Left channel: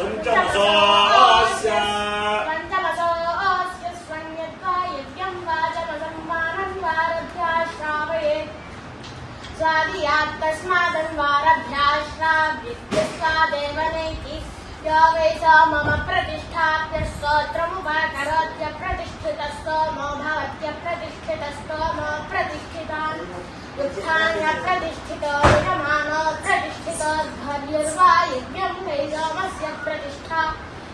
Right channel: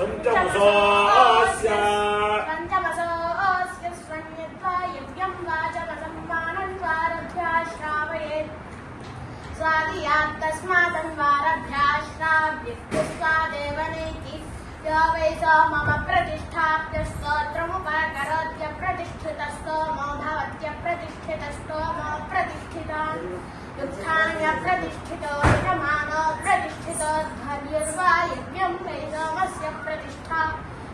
पञ्चमसोऽस्य स्वन्यद्वा यज्ञं वाचमसम्मानन्वारभ्या श्रावयेत् स्वादियात् तस्मादन्वारभ्याश्राव्यस्वादेव नैति यो वै स मम प्रतिष्ठाप्य स्तोत्रमुपाकरोत्य प्रतिष्ठितस्तोमो भवत्य प्रतिष्ठितस्तोमो प्रतिष्ठितान् उत्थान्यप्रतिष्ठितो यजमानो प्रतिष्ठितो ध्वर्युर्वा यज्ञं वै सोमस्य प्रतिष्ठा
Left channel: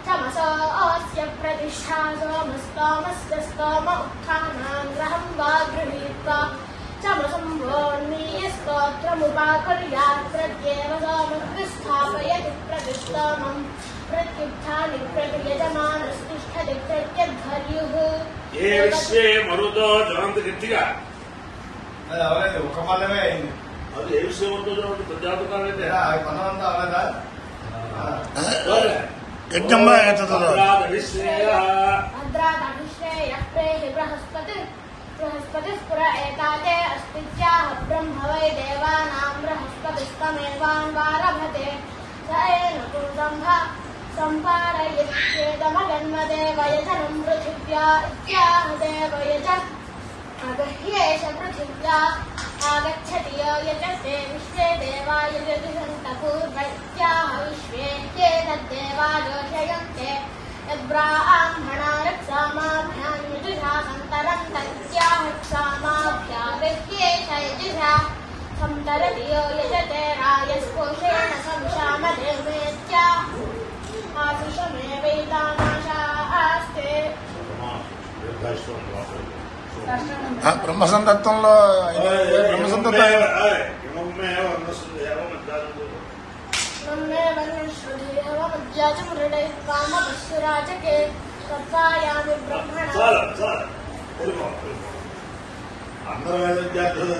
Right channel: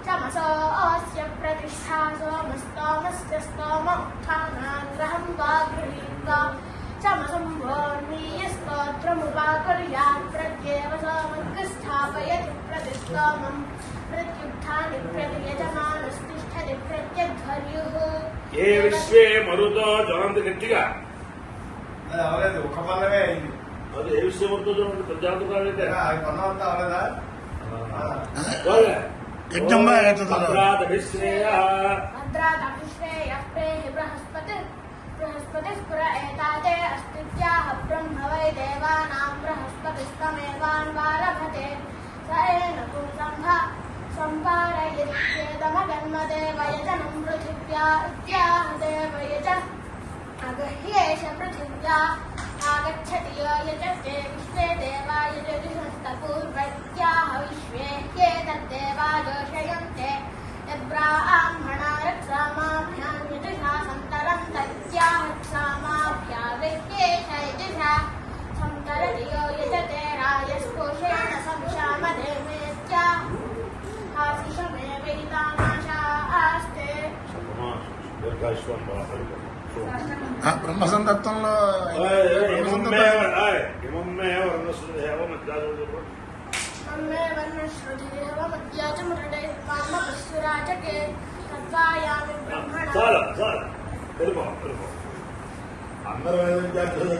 तमसोऽस्य प्रतिष्ठा सोमस्तोमस्य स्तोम उत्थानाङ्ग्रहं वा गृहीत्वा चमसंभोन्मीयस्तोत्रमुपाकुर्यात् प्रत्येव सोमस्य स्थापयति प्रतिष्ठामं प्रत्युत्थानि प्रयजमानस्तिष्ठति प्रत्यध्वर्युः ये विश्वे मरुतो ज्वलन्ति गट्टिगा అవలేదు ఒక పదమే అయింది. అది ఏ విషయం అవుతుందో ప్రజాపకాలు అయితే పదవంతా అవలేదా యజ్ఞంబ भद्रादभिश्रेयः प्रेहि बृहस्पतिः पुर एताते अस्तित्याः ब्रह्म वै देवानां बृहस्पतिस्तमेवान्वारभते स एन पूतं सम्पारयित्येदमगन्मदेवयजनं पृथिव्या इत्याह देवयज अगह्येष पृथिव्या आगच्छति यो यजते विश्वे देवा यजतिषन्तपूर्वैत्याह विश्वे ह्येतद्देवा जोषयन्ते यद्ब्राह्मणा रक्षामाभ्यां यजुषा सन्तरन्त इत्याह रक्षामाभ्यागह्येष यजुषा सन्तरति यो यजते रायस्पोषेण संशामदेवेत्याह आशिषमेवैतामाशास्ते బ్రహ్మసంతత్వంలో ब्रह्मणस्मृतिराजके तत्त्वायामि ब्रह्मण అందరూ విద్యార్థులు